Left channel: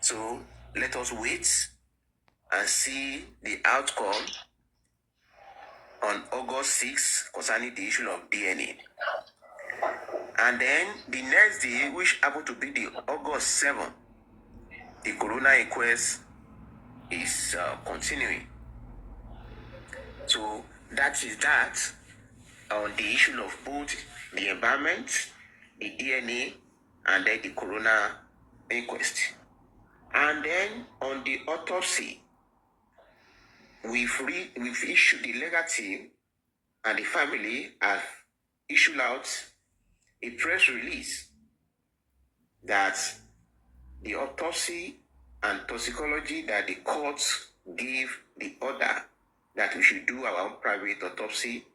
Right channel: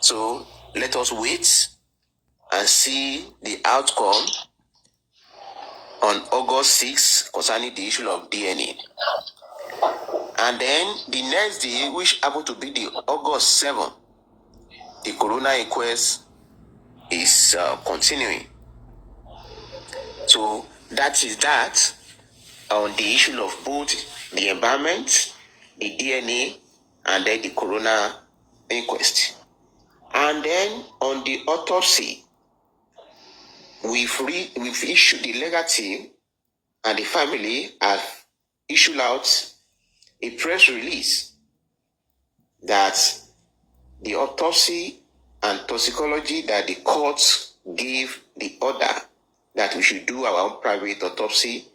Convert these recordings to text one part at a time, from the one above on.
So let us wait and see the outcome on August 6th concerning the issue of DNA. And then the next day, which happened to be the August 7th, the coroner inquest is continuing. So that is that on the issue of both the environment, the DNA, and then the coroner inquest. And then on the autopsy, we've issued, the legal team and the family have issued out a press release that the autopsy and toxicology that the courts gave the order that we should do our own private autopsy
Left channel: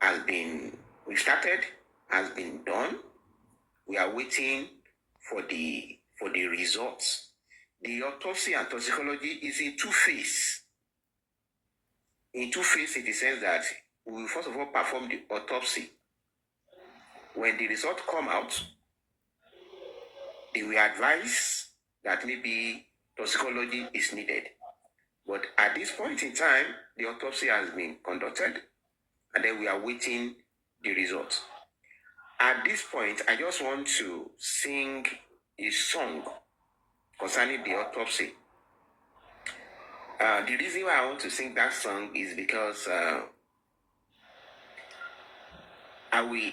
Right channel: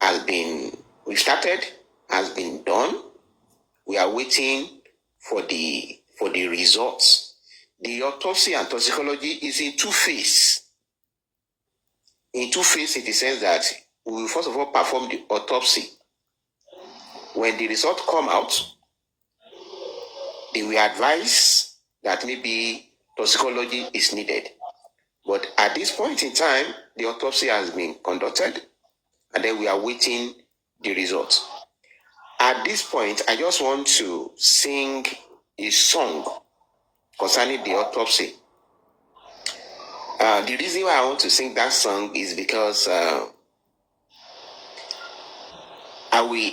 has been done. We are waiting for the results. The autopsy and toxicology is in two phases. In two phases, in the sense that we will first of all perform the autopsy. When the results come out, they will advise that maybe toxicology is needed. But at this point in time, the autopsy has been conducted, and then we are waiting the results. At this point, I just want to sing a song concerning the autopsy. The reason why I want to sing that song is because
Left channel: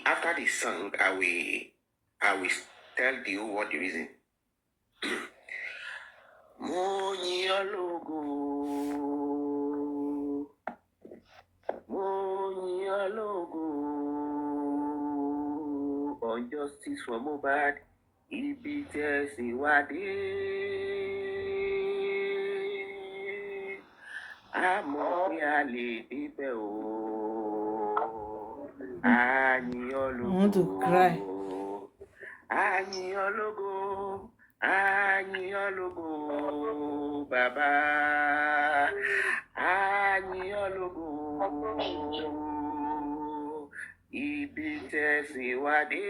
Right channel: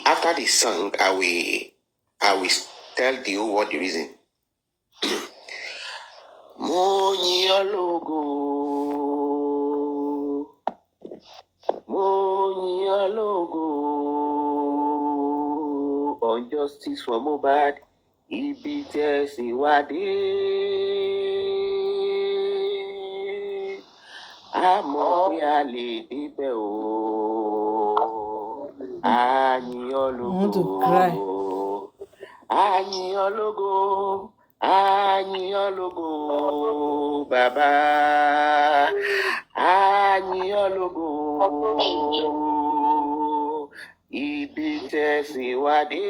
after the song, I will tell you what the reason. Muyiwa on justice for Mohbad, ibi tẹ̀síwádé. Àmọ́ pé a lè débẹ̀ o. Àyìn ológo. Àyìn ológo. Àyìn ológo. Bàbá. Àyìn ológo. Ibi tẹ̀síwádé.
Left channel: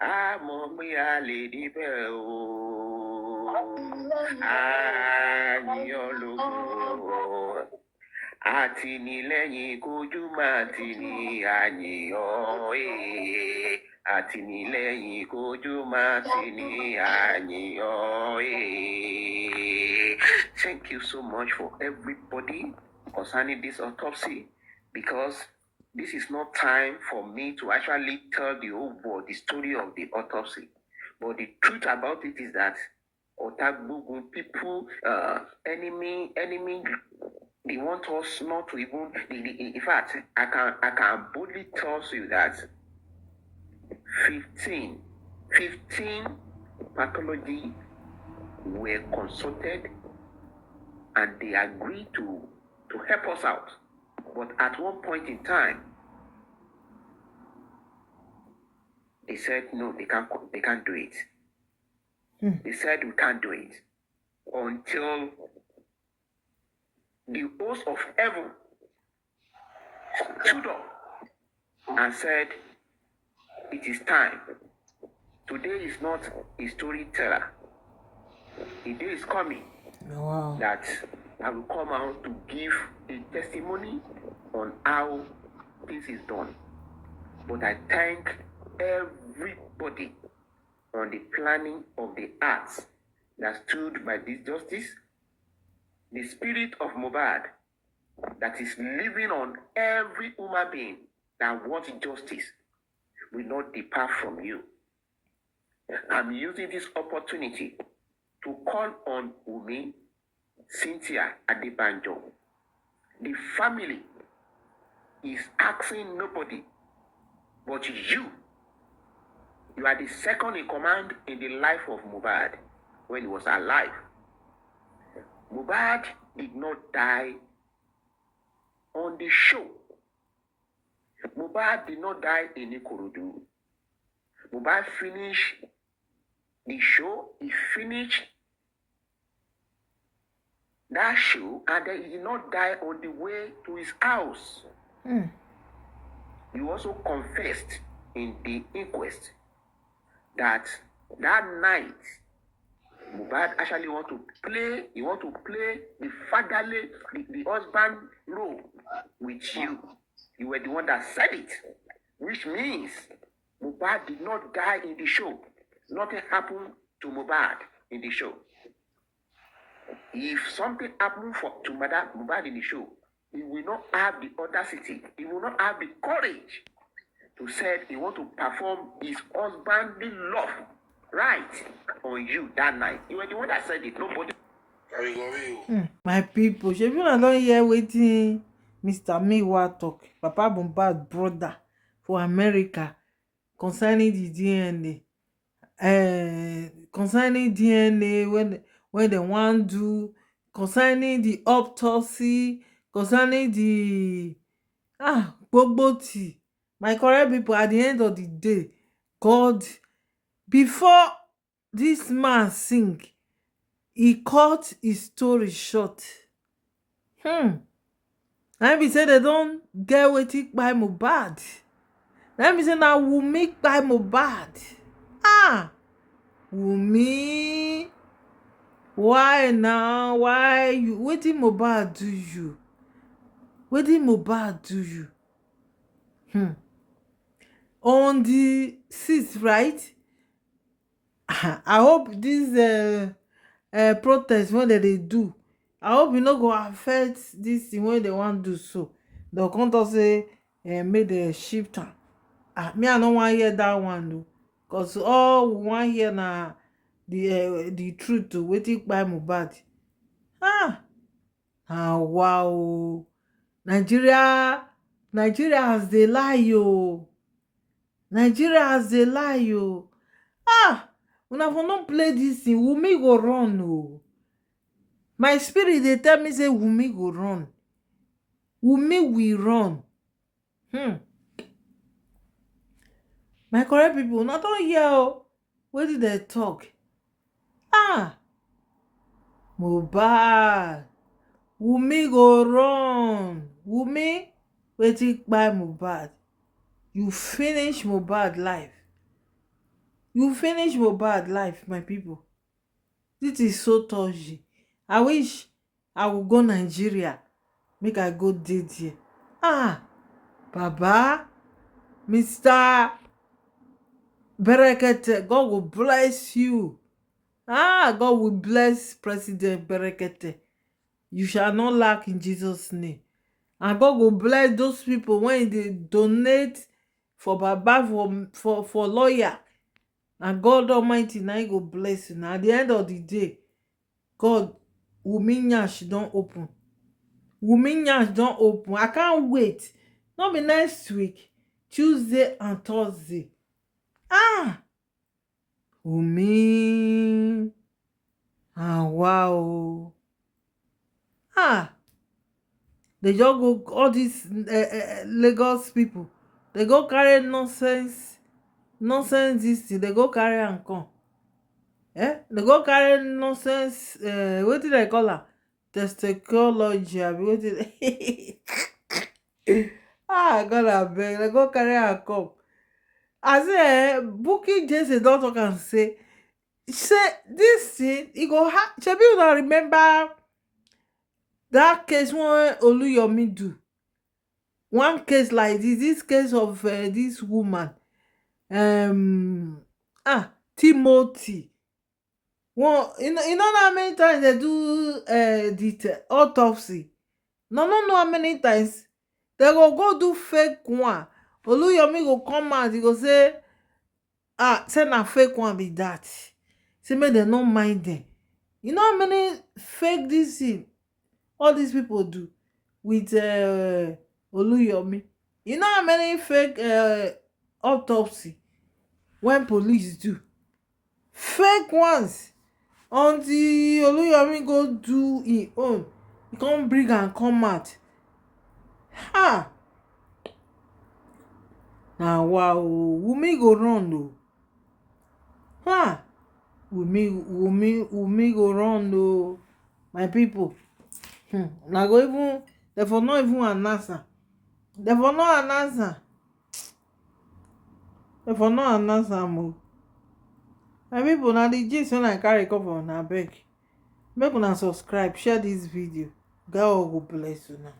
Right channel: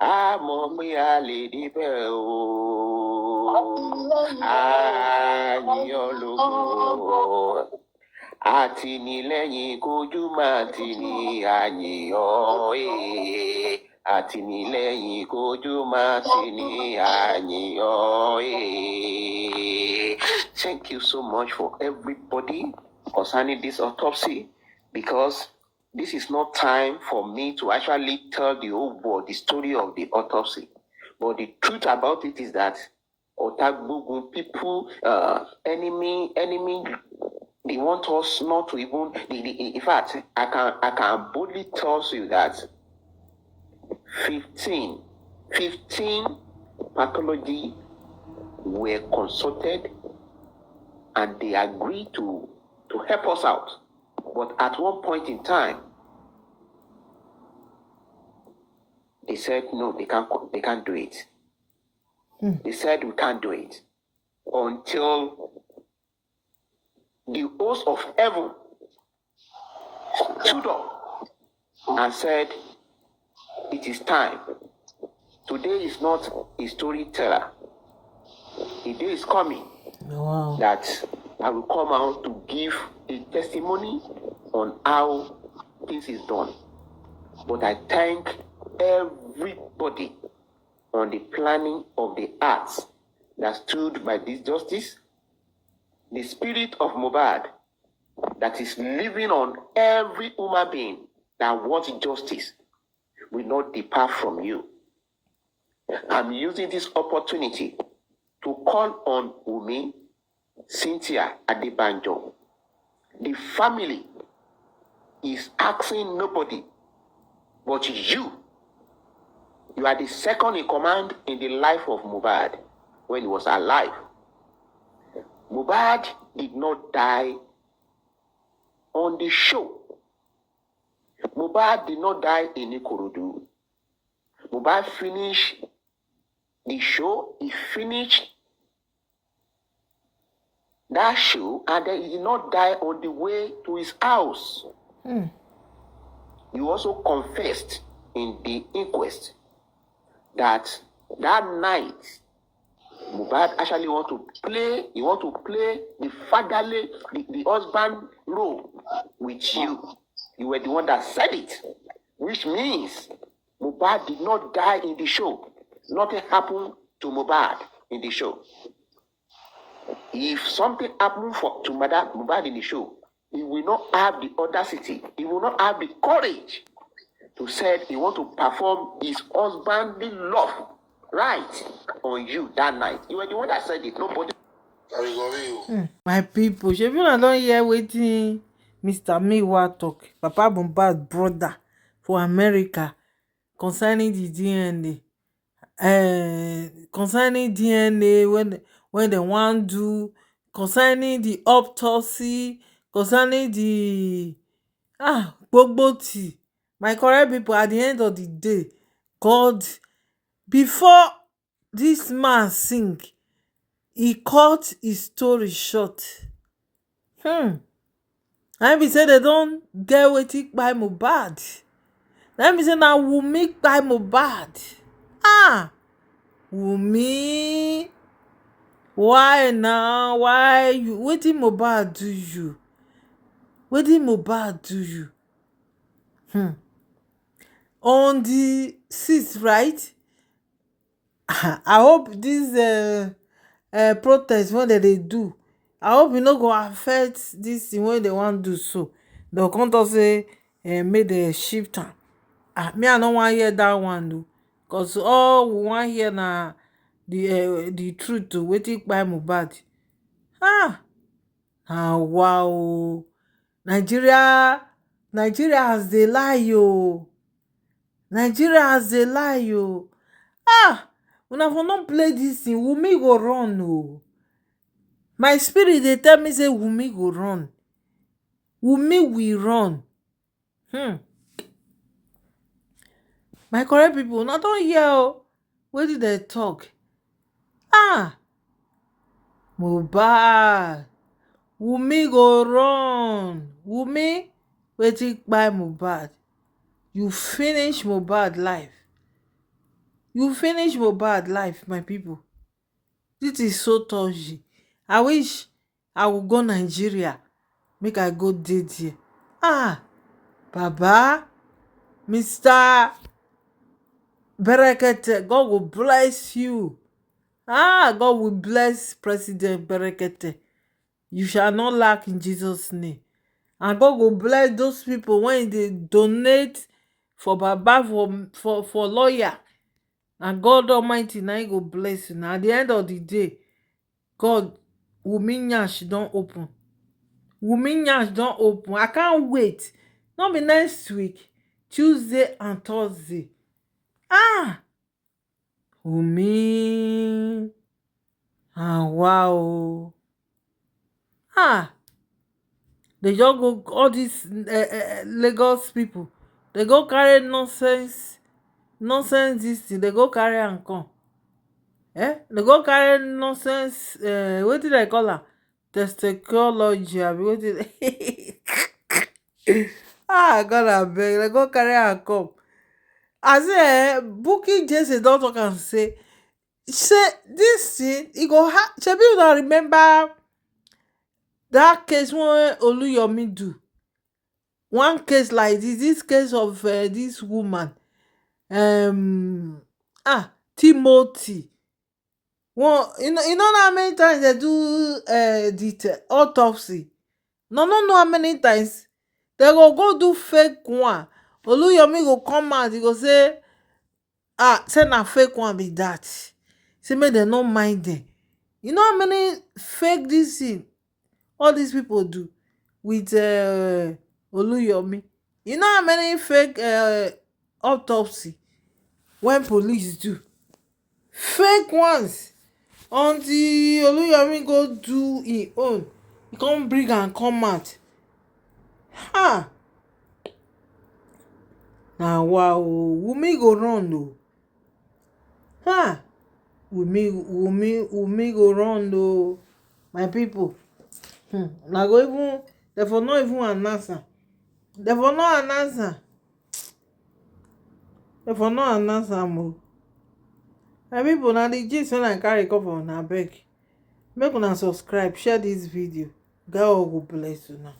Àmọ́ pé a lè débẹ̀ o. Àyìn ológo. Àtìlẹ́yìn kojú máa tì ní àyìn àtìlẹ́yìn kojú máa tì ní àyìn. Thank you so much for everybody concerning this autopsy, because this is not time for me to actually tell the whole world the story of the autopsy. But the truth about it is that Otagbogun people, enemy, they want us not to even. In fact, I can boldly tell you that 15 pathology were consulted, and they agreed to help us out. But at one point in time, they said no, they can't do it. They said we can't do it until the host of heaven stood up and said, it is time. Today is not a storyteller. A day is coming that I will come out to give a testimony on how this is done. But I thank everybody on the planning of the arts that stood by this justice. The spirit of Mohbad that is living on every human being that wants justice will not depart from you. I'm using this opportunity to call on Wummi, Cynthia Adebanjo. The family is asking nobody but you. You are the second in command in the life of Mohbad when he was alive. Mohbad did not die on the show. Mohbad did not die in Ikorodu. Mohbad finished the show. He finished that show, and then he did not die on the way to his house. He also confessed in the inquest that night Mohbad actually want to play the fatherly, the husband role with you. You were the one that said it, which means Mohbad did not die in the show. Nothing happened to Mohbad in the show. If something happened to Mohbad in the show, he will not have the audacity, he will not have the courage to say he want to perform his husbandly love right on you that night. You were the one that said it, nobody. My people, shebi una don hear wetin Mr. Muyiwa talk, Papa Mohbad brother for America concerning the DNA. Concerning DNA when they wan do, concerning the autopsy, concerning the gbogbo tea. My correct people, at the end of the day, God, before this man sing, he cut his story short. Na be say they don get wetin kpai Mohbad. Na be say na Wummi kpai Mohbad. Wummi, why now? Why you? Wetin Mohbad do you? Wetin Mohbad do you? On the 6th, right? I hope this protest wey dem dey do, I hope e no go affect this thing wey dem wan do. So dem come talk say make dem shift am. Me I no wan hear that one o, because all we wan hear na the truth o, wetin kpai Mohbad. Wow, Nigeria has dey lie o. Nigeria has dey lie o. Una for no play dis thing, Wunmi go run o. My spirit dey tell me say Wunmi go run. Wunmi will run. My correct people, una don hear o wetin dem talk. Mohbad, Wunmi go run. Wunmi, wetin kpai Mohbad? You finish Mohbad life. You finish Mohbad life, my people. This is so touchy. I wish I would go Nigeria, make I go dey there. Baba, Mr. Berekete, God will bless you. God will bless President Berekete. You shall not lack in Jesus' name. And God will bless those people when they donate for Baba, for lawyer. And God Almighty now He go bless you. Now at the end of the day, God, Wunmi nyash don open. Wunmi nyash don open. I can't wait. Not be next week, Tuesday and Thursday. Wunmi. Wow. They just go, all these Lagos people, they go carry nonsense this thing, they go carry and come. They go carry nonsense, what did I call her? Testicology, wetin God abeg, they go carry and come. I say Bukky Jesse don talk and say this thing, e go shebi una remember that case wey Oluyomi do. One case like this case of this woman, Timothy. Well, you know how many times they do the autopsy. No know how many times they go do fake one. Oluyomi go come out, he go say say na fake one be that. Say make dem no mind them. You know how many fake this thing all these people do with Oluyomi? You know how many fake autopsy when police do? Fake ones. Until Oluyomi go do him own, he come bring and come out. Wow, Wunmi go run o. Wunmi go run o. My people. Na go even, they for not even announce am. They for not announce am. They for not announce am o. my pipo na di gist wey I carry come for una abeg make una subscribe share dis video. God go bless una.